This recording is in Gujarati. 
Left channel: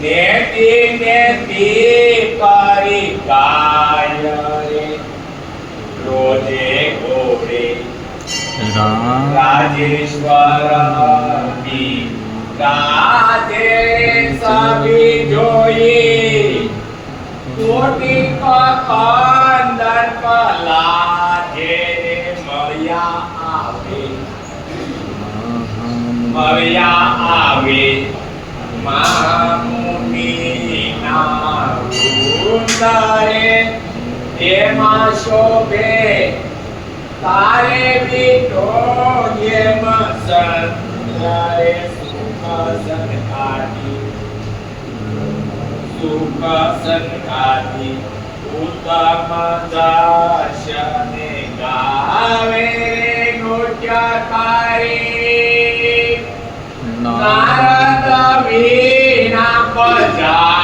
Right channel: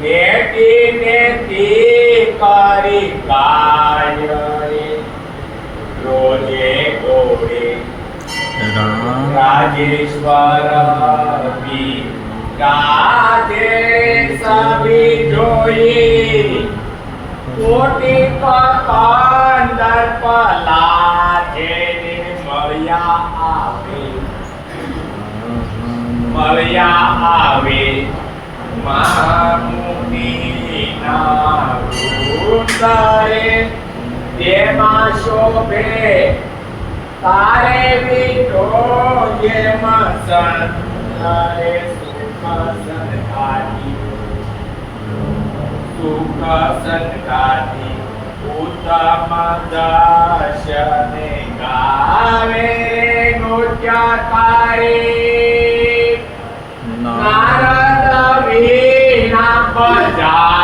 નેતિ નેતિ કરી ગાય રે રોજે ઘોડે રાજેશ્વર ગાજે સભી જોઈ કોટી અંદર પલા જે મળ્યા આવે મહામુનિના વૃંદરે તેમાં શોભે તારે વિઠો જેમ સંતરે સુખ સંગાતી ઉત્તમ દર્શને ગાવે નૃત્ય તારે નારદ વીણા બજા